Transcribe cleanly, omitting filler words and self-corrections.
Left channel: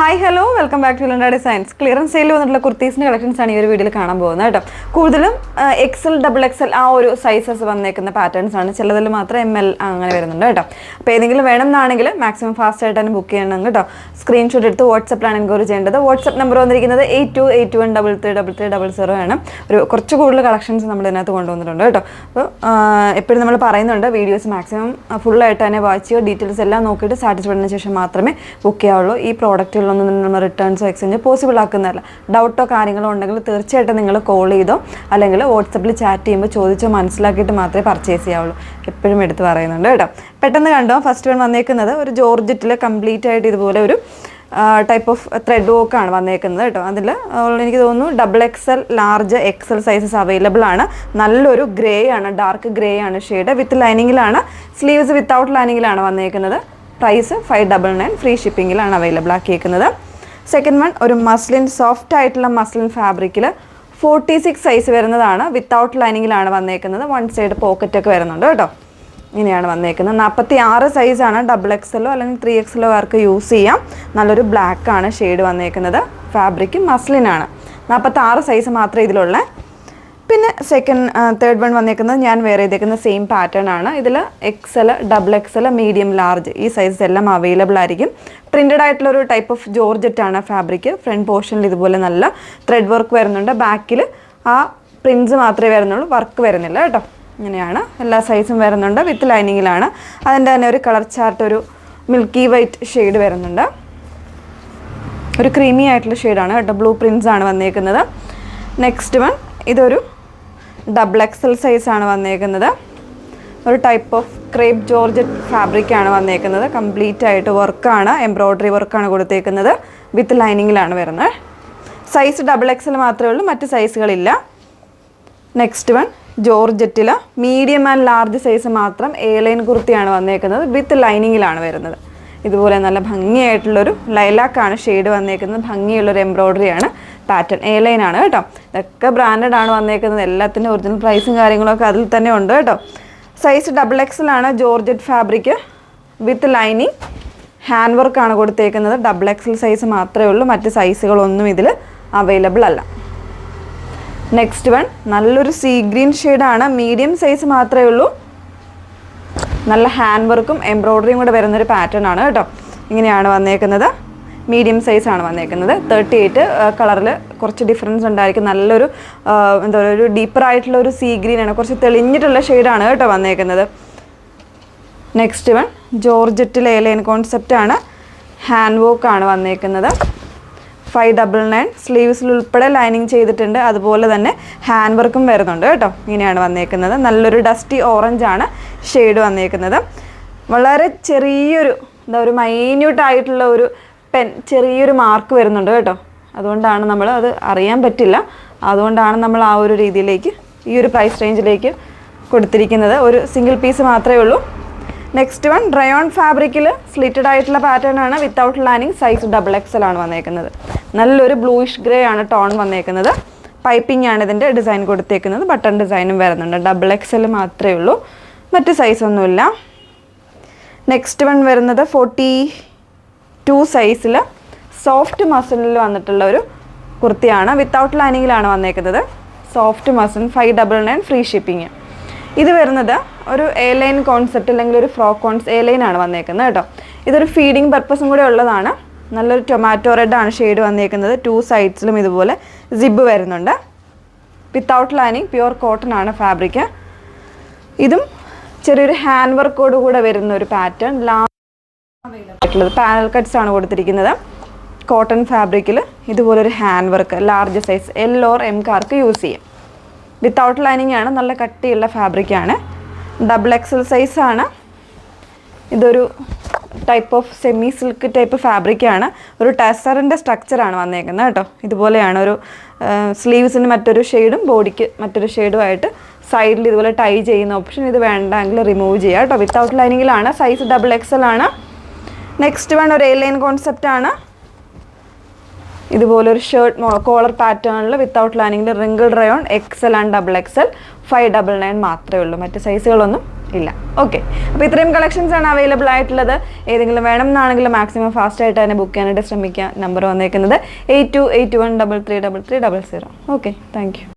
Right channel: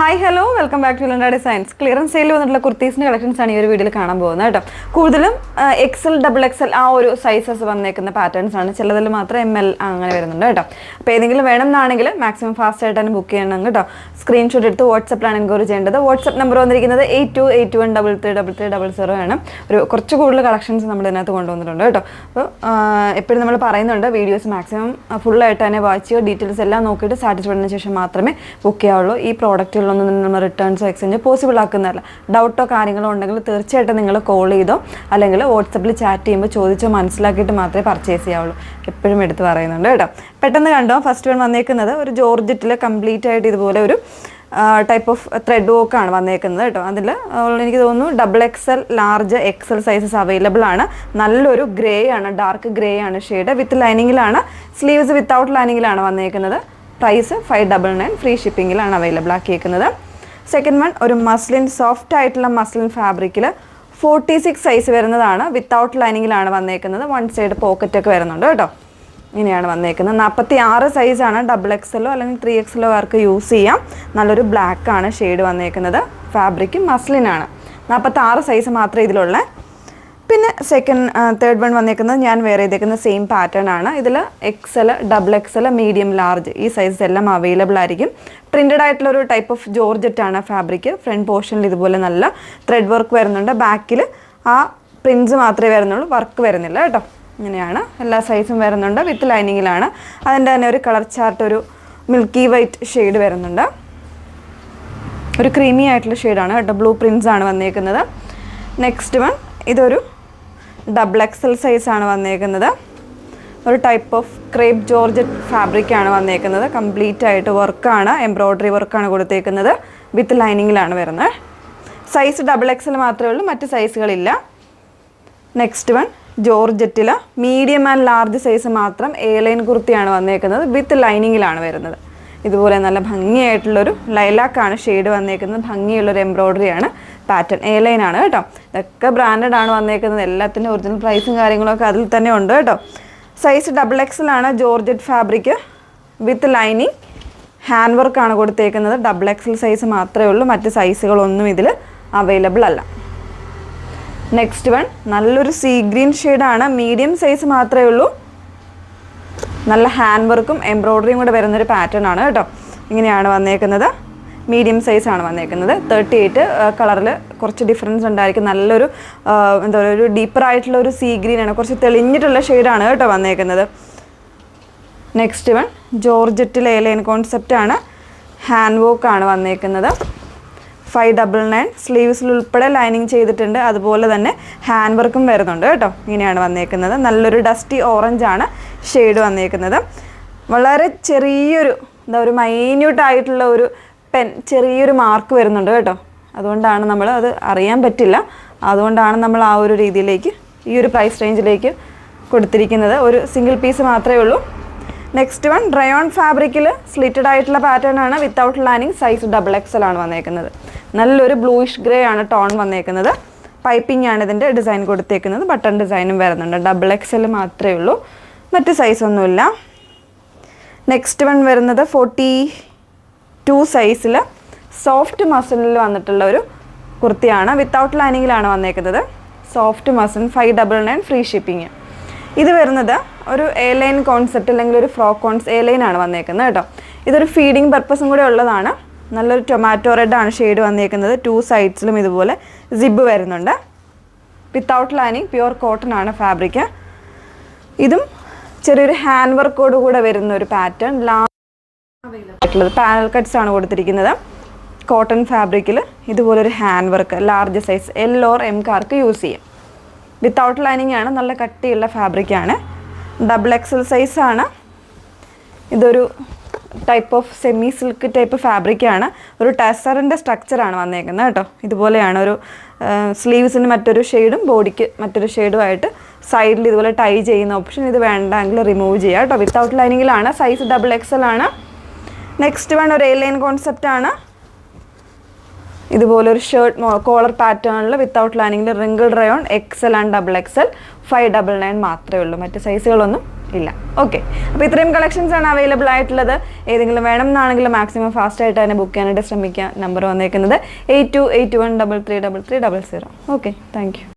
Hi hello welcome back to Lunda designs. Clearance sale വന്നിട്ടുള്ള കുർത്തീസിൻ്റെ collections ആണ് ഈ ഒരു വീഡിയോയിൽ കാണാൻ പോകുന്നത് കേട്ടോ. കൂടുതലും എക്സൽ ഡബിൾ എക്സൽ ആ ഒരു സൈസസ് വന്നേക്കുന്ന പാറ്റേൺസ് ആണ്. ചിലതിൽ മാത്രം ML അങ്ങനെ വരുന്നുണ്ട് കേട്ടോ. അപ്പോൾ ഏതെങ്കിലും വേണമെന്നാണെങ്കിൽ മാക്സിമം ഫാസ്റ്റ് ആയിട്ട് തന്നെ ബുക്ക് ചെയ്യണം കേട്ടോ. സ്ക്രീൻഷോട്ട് എടുത്ത് വാട്സപ്പിലാണ് എൻക്വയറി ചെയ്യേണ്ടത്. വാട്സപ്പ് നമ്പർ വന്നിരിക്കുന്നത് 8281333300 ആണ്. കുറച്ച് കൂടുതൽ കളക്ഷൻസ് നമ്മൾ ഇതിനകത്ത് കൊണ്ടുവന്നിട്ടുണ്ട് കേട്ടോ. അപ്പോൾ എപ്പോഴും നമ്മൾ പറയുന്നുണ്ട് വീഡിയോസ് മാക്സിമം ഫുള്ളായിട്ട് തന്നെ വാച്ച് ചെയ്യുക. ഡീറ്റെയിൽസ് എല്ലാം നോക്കിയിട്ട് സാറ്റിസ്ഫൈഡ് ആയതിനു ശേഷം മാത്രമേ ബുക്ക് ചെയ്യാവുള്ളൂ. ഈ പ്രോഡക്റ്റുകളൊന്നും നമ്മൾ റിട്ടേൺസോ എക്സ്ചേഞ്ച് പോസിബിൾ ആക്കുന്നതല്ല. ഡൗട്ടോ കാര്യങ്ങളോ ഉണ്ടെങ്കിൽ തീർച്ചയായിട്ടും നിങ്ങൾ കോൾ ചെയ്തോ അല്ലെങ്കിൽ വാട്സപ്പിൽ ചാറ്റ് ചെയ്യുമ്പോൾ ചോദിച്ചോ മനസ്സിലാക്കിയിട്ട് മാത്രമേ പർച്ചേസ് ചെയ്യാവുള്ളൂ. എപ്പോഴും എടുത്ത് പറയുന്നുണ്ട് കേട്ടോ. പെട്ടെന്ന് കണ്ടോ, ഫസ്റ്റ് വൺ വന്നേക്കുന്നത് ഒരു ജോർജറ്റിൽ കംപ്ലീറ്റ് ആയിട്ട് ഇതുപോലെ ഒരു ടൈപ്പ് ഓഫ് ത്രെഡ് വർക്കാണ് വന്നേക്കുന്നത് കേട്ടോ. അതിൽ എനിക്ക് തോന്നുന്നു double XL large XL sizes available ആണ്. നല്ലൊരു ഗ്രേ ആണ്, ഡാർക്ക് ഗ്രേ ആണ് ഷെയ്ഡ്. വിത്ത് ലൈനിങ്ങിലാണ്, സ്ലീവ്സ് വിത്തൗട്ട് ലൈനിങ്ങിലാണ് വന്നേക്കുന്നത്. പ്രൈസ് 599, ഫ്രീ ഷിപ്പിങ്ങിലാണ് അവൈലബിൾ ആക്കിയേക്കുന്നത്. സെക്കൻഡ് വൺ ഒരു മസ്ലിൻ, സോഫ്റ്റ് ആയിട്ടുള്ള മസ്ലിൻ ഫാബ്രിക്കിൽ 46 സൈസ് വരുന്നതാണ്. വിത്തൗട്ട് ലൈനിങ്ങിലാണ് വന്നേക്കുന്നത്. വൺ സൈഡ് പോക്കറ്റൊക്കെ വരുന്നുണ്ട് കേട്ടോ. ഇങ്ങനെയാണ് വന്നേക്കുന്നത്. 46 സൈസാണ്. ഡബിൾ എക്സലോ അല്ലെങ്കിൽ 3XL ആർക്ക് യൂസ് ചെയ്യാം. നല്ലൊരു ബ്ലാക്കാണ് ഷെയ്ഡ് വന്നേക്കുന്നത്. ഫാബ്രിക് മസ്ലിനാണ്. 46 സൈസ് മാത്രമേ ഇതിലുള്ള. പിന്നെ തേർഡ് വൺ വന്നേക്കുന്നത് ഞാൻ വേറെ ചെയ്തേക്കുന്ന സെയിം പാറ്റേൺ ആണ്. ഇതിൽ XL, double XL, medium, large ഈ സൈസസ് എല്ലാം അവൈലബിൾ ആയിരിക്കും. പ്രിൻറ്റഡ് ആയിട്ടുള്ളൊരു ടൈപ്പ് ഓഫ് ജോർജറ്റാണ് ഫാബ്രിക്. ഫ്രണ്ട് പോർഷനിൽ ഇതുപോലെ നല്ല ത്രെഡ് വർക്ക് വരുന്നുണ്ട്. ബാക്കിൽ ആ പ്രിൻസ് മാത്രമേ വരുന്നുള്ളൂ, വർക്ക് വരുന്നില്ല കേട്ടോ. ഇങ്ങനെയാണ് എല്ലാ സൈസും വരുന്നുണ്ട്. വിത്ത് ലൈനിങ്ങിലാണ്. അതിൻ്റെ തന്നെ ഒരു കളർ ചാർട്ട്, ഒരു മിൽക്കി വൈറ്റ് ഷെയ്ഡ് വരുന്നുണ്ട്. ഒരു ക്രീമി ആയിട്ടുള്ള ഷെയ്ഡാണ് കേട്ടോ. ബ്ലൂ പ്രിൻസ് ആണ് വന്നേക്കുന്നത്. നെക്സ്റ്റ് വൺ ഇതൊരു ഡബിൾ XL സൈസാണ് വന്നേക്കുന്നത്. ഒരു ടൈപ്പ് ഓഫ് ക്രേപ്പ് ജോർജറ്റ് ഫാബ്രിക്കാണ് വന്നേക്കുന്നത്. കംപ്ലീറ്റ് ആയിട്ട് വർക്കാണ്, എംബ്രോയ്ഡറി വർക്കാണ് കൊടുത്തേക്കുന്നത്. വിത്ത് ലൈനിങ്ങിലാണ് വരുന്നത്. സൈസ് ഡബിൾ XL മാത്രമേ ഉള്ളൂ, മറ്റ് സൈസുകളില്ല. നെക്സ്റ്റ് വൺ ജോർജറ്റിൽ മീഡിയം ആൻഡ് ലാർജ് സൈസ് മാത്രം ലൈൻ കുർത്തിയാണ് വന്നേക്കുന്നത്. വിത്ത് ലൈനിങ്ങിലാണ് വരുന്നത്. ഇതുപോലെ നല്ല ഭംഗിയായിട്ടുള്ളൊരു ലൈലാക്കാണ് ഷെയ്ഡ് വന്നേക്കുന്നത്. ഭംഗിയുള്ളൊരു എംബ്രോയ്ഡറിയാണ്. പാറ്റേൺ ലൈൻ ആണ് കേട്ടോ. ഇതൊക്കെ ബ്രാൻഡഡ് ആണ് വന്നേക്കുന്നത്. എല്ലാത്തിൻ്റെ ഒറിജിനൽ പ്രൈസും കാര്യങ്ങളൊക്കെ അതിൽ തന്നെ ഉണ്ട് കേട്ടോ. സൈസ് ഡബിൾ XL ആണ്. Georgette fabric with lining, hand വർക്കാണ് കൊടുത്തേക്കുന്നത്. ഡബിൾ XL സൈസ് മാത്രമേ ഉള്ളൂ, മറ്റ് സൈസുകളൊന്നും ഇതിൽ അവൈലബിൾ അല്ല. നെക്സ്റ്റ് വൺ നല്ലൊരു സീ ഗ്രീൻ ഷെയ്ഡാണ്. മീഡിയം സൈസ് മാത്രമേ ഉള്ളൂ. നല്ല ഹാൻഡ് വർക്കും എംബ്രോയ്ഡറിയും കൂടെ വരുന്നൊരു പാറ്റേൺ ആണ് കേട്ടോ. ഇങ്ങനെയാണ് വന്നേക്കുന്നത്. മീഡിയം സൈസാണ് വന്നേക്കുന്നത്. 38 കളറിൽ കുറച്ച് ഡിഫറൻസ് ഉണ്ടായിരിക്കും. നല്ലൊരു എന്താ പറയുക, ഒരു ഡീപ്പറായിട്ടുള്ള ഒരു സീ ഗ്രീനാണ്. കുറച്ച് തെളിഞ്ഞിട്ടുള്ള ഷെയ്ഡാണ് കേട്ടോ വന്നേക്കുന്നത്. നെക്സ്റ്റ് വൺ ജോർജറ്റിൽ ലൈൻ കോൺസെപ്റ്റാണ്. ഹാൻഡ് വർക്കാണ് വന്നേക്കുന്നത്. 599, സ്ലീവ്സിൽ ഉൾപ്പെടെ ലൈനിങ് ചെയ്തിട്ടുണ്ട്. അതുപോലെ തന്നെ ഹാൻഡ് വർക്കും വരുന്നുണ്ട് കേട്ടോ. ഇങ്ങനെയാണ് വന്നേക്കുന്നത്. നല്ലൊരു ഡസ്റ്റി ഓറഞ്ച് ആണ് ഷെയ്ഡ് വന്നേക്കുന്നത്. വളരെ ചെറിയൊരു ഒരു മൈന്യൂട്ടായിട്ടുള്ള ഒരു ചെറിയൊരു മാർക്ക് വരുന്നുണ്ട് കേട്ടോ. അതുകൊണ്ടാണ് നമ്മൾ അത് അറിയാൻ പറ്റില്ല. അതുകൊണ്ടാണ് നമ്മൾ ആ ഒരു രീതിയിലേക്ക്, ഈ ഒരു പ്രൈസ് റേഞ്ചിലേക്ക് കൊടുത്തിരിക്കുന്നത്. ഒരു സിംഗിൾ പീസ് മാത്രമേ ഉള്ളൂ. നെക്സ്റ്റ് വൺ റയോൺ ഫാബ്രിക്കിൽ സ്ലിറ്റഡ് ആയിട്ടുള്ള പാറ്റേൺ ആണ്. Without lining. Size double XL ആണ് വന്നേക്കുന്നത്. നല്ലൊരു ബ്ലൂയിഷ് ഗ്രേ ആണ് ടോൺ വന്നേക്കുന്നത്. പൈപ്പിംഗ് ആണ് ഇതിൻ്റെ ഡിസൈൻ കൊടുത്തേക്കുന്നത്. ബട്ടൺ ഡിസൈനും വരുന്നുണ്ട്. ഡബിൾ XL മാത്രമേ ഉള്ളൂ, മറ്റ് സൈസൊന്നുമില്ല. നെക്സ്റ്റ് വൺ വരുന്നത് 42 സൈസിൽ സോഫ്റ്റ് മസിലിൽ വന്നിട്ടുള്ള ഒരു കുർത്തിയാണ്. വിത്തൗട്ട് ലൈനിങ്ങിലാണ് വന്നേക്കുന്നത്. Soft muscle 599, free shipping. ഇത് വരുന്നത് ഒരു ലൈൻ കോൺസെപ്റ്റ് അല്ലെങ്കിൽ ഒരു ഫ്രോക്ക് ലൈൻ ആണ് വന്നേക്കുന്നത് കേട്ടോ. ഇതൊരു ഫീഡിങ് പർപ്പസും കൂടെ ഉള്ളതാണ്. നല്ലൊരു ടൊമാറ്റോ റെഡ് ആണ് ഷെയ്ഡ് വന്നേക്കുന്നത്. 2 സൈഡ്സിലും ഇതുപോലെ സിബ് വരുന്നുണ്ട്. വിത്തൗട്ട് ലൈനിങ്, പ്യുവർ കോട്ടൺ ആണ് ഫാബ്രിക്. ഇതും ചെറിയൊരു ഹാൻഡ് വർക്കോട് കൂടെ വരുന്ന ഒരു പാറ്റേൺ. ആയിട്ടുള്ളത് പാനൽ കട്ട്സ് ആണ് കൊടുത്തിരിക്കുന്നത്. കോട്ടൺ ഫാബ്രിക്കിൽ ഇതുപോലൊരു hand work. Large size L or M കാർക്ക് യൂസ് ചെയ്യാം. വിത്തൗട്ട് ലൈനിങ് ആണ്. നല്ല കട്ടിയുള്ള ഫാബ്രിക്കാണ്. ഡബിൾ XL സൈസാണ്. ഇതൊരു type of semi silk type ഫാബ്രിക്കാണ്. ഒരു ടസറിൻ്റെ സ്ട്രക്ചറാണ് വന്നേക്കുന്നത് കേട്ടോ. ഇതുപോലെയാണ് ഒരു സ്ലീവ്സിന് മറ്റൊരു ഷെയ്ഡും ബോഡിക്ക് മറ്റൊരു ഷെയ്ഡുമായിട്ട് സൈഡിൽ ഇതുപോലെ ടൈ ചെയ്യുന്ന ഓപ്ഷൻ. ഇത് വേണ്ടെങ്കിൽ റിമൂവ് ചെയ്യാം കേട്ടോ. വിത്തൗട്ട് ലൈനിങ്ങിലാണ്. സൈസ് ഡബിൾ XL ആണ്. നെക്സ്റ്റ് വൺ ഒരു ലൈൻ കോൺസെപ്റ്റാണ്. ഇതുപോലൊരു ഷർട്ട് കോളർ പാറ്റേണിൽ വിത്തൗട്ട് ലൈനിങ്ങിൽ wrinkle rayon XL and double XL 599 മാത്രമേ ഉള്ളൂ, മറ്റ് സൈസുകളൊന്നും ഇല്ല. ഓക്കെ, അപ്പോൾ ഇത്രയും കളക്ഷൻസ് ആണ് അവൈലബിൾ ആയിട്ടുള്ളത്. ഏതെങ്കിലും വേണം എന്നാണെങ്കിൽ മാക്സിമം ഫാസ്റ്റ് ആയിട്ട് തന്നെ ബുക്ക് ചെയ്യാനായിട്ട് ശ്രമിക്കുക. നമ്പർ വന്നേക്കുന്നത് 8281333300. Okay, thank you.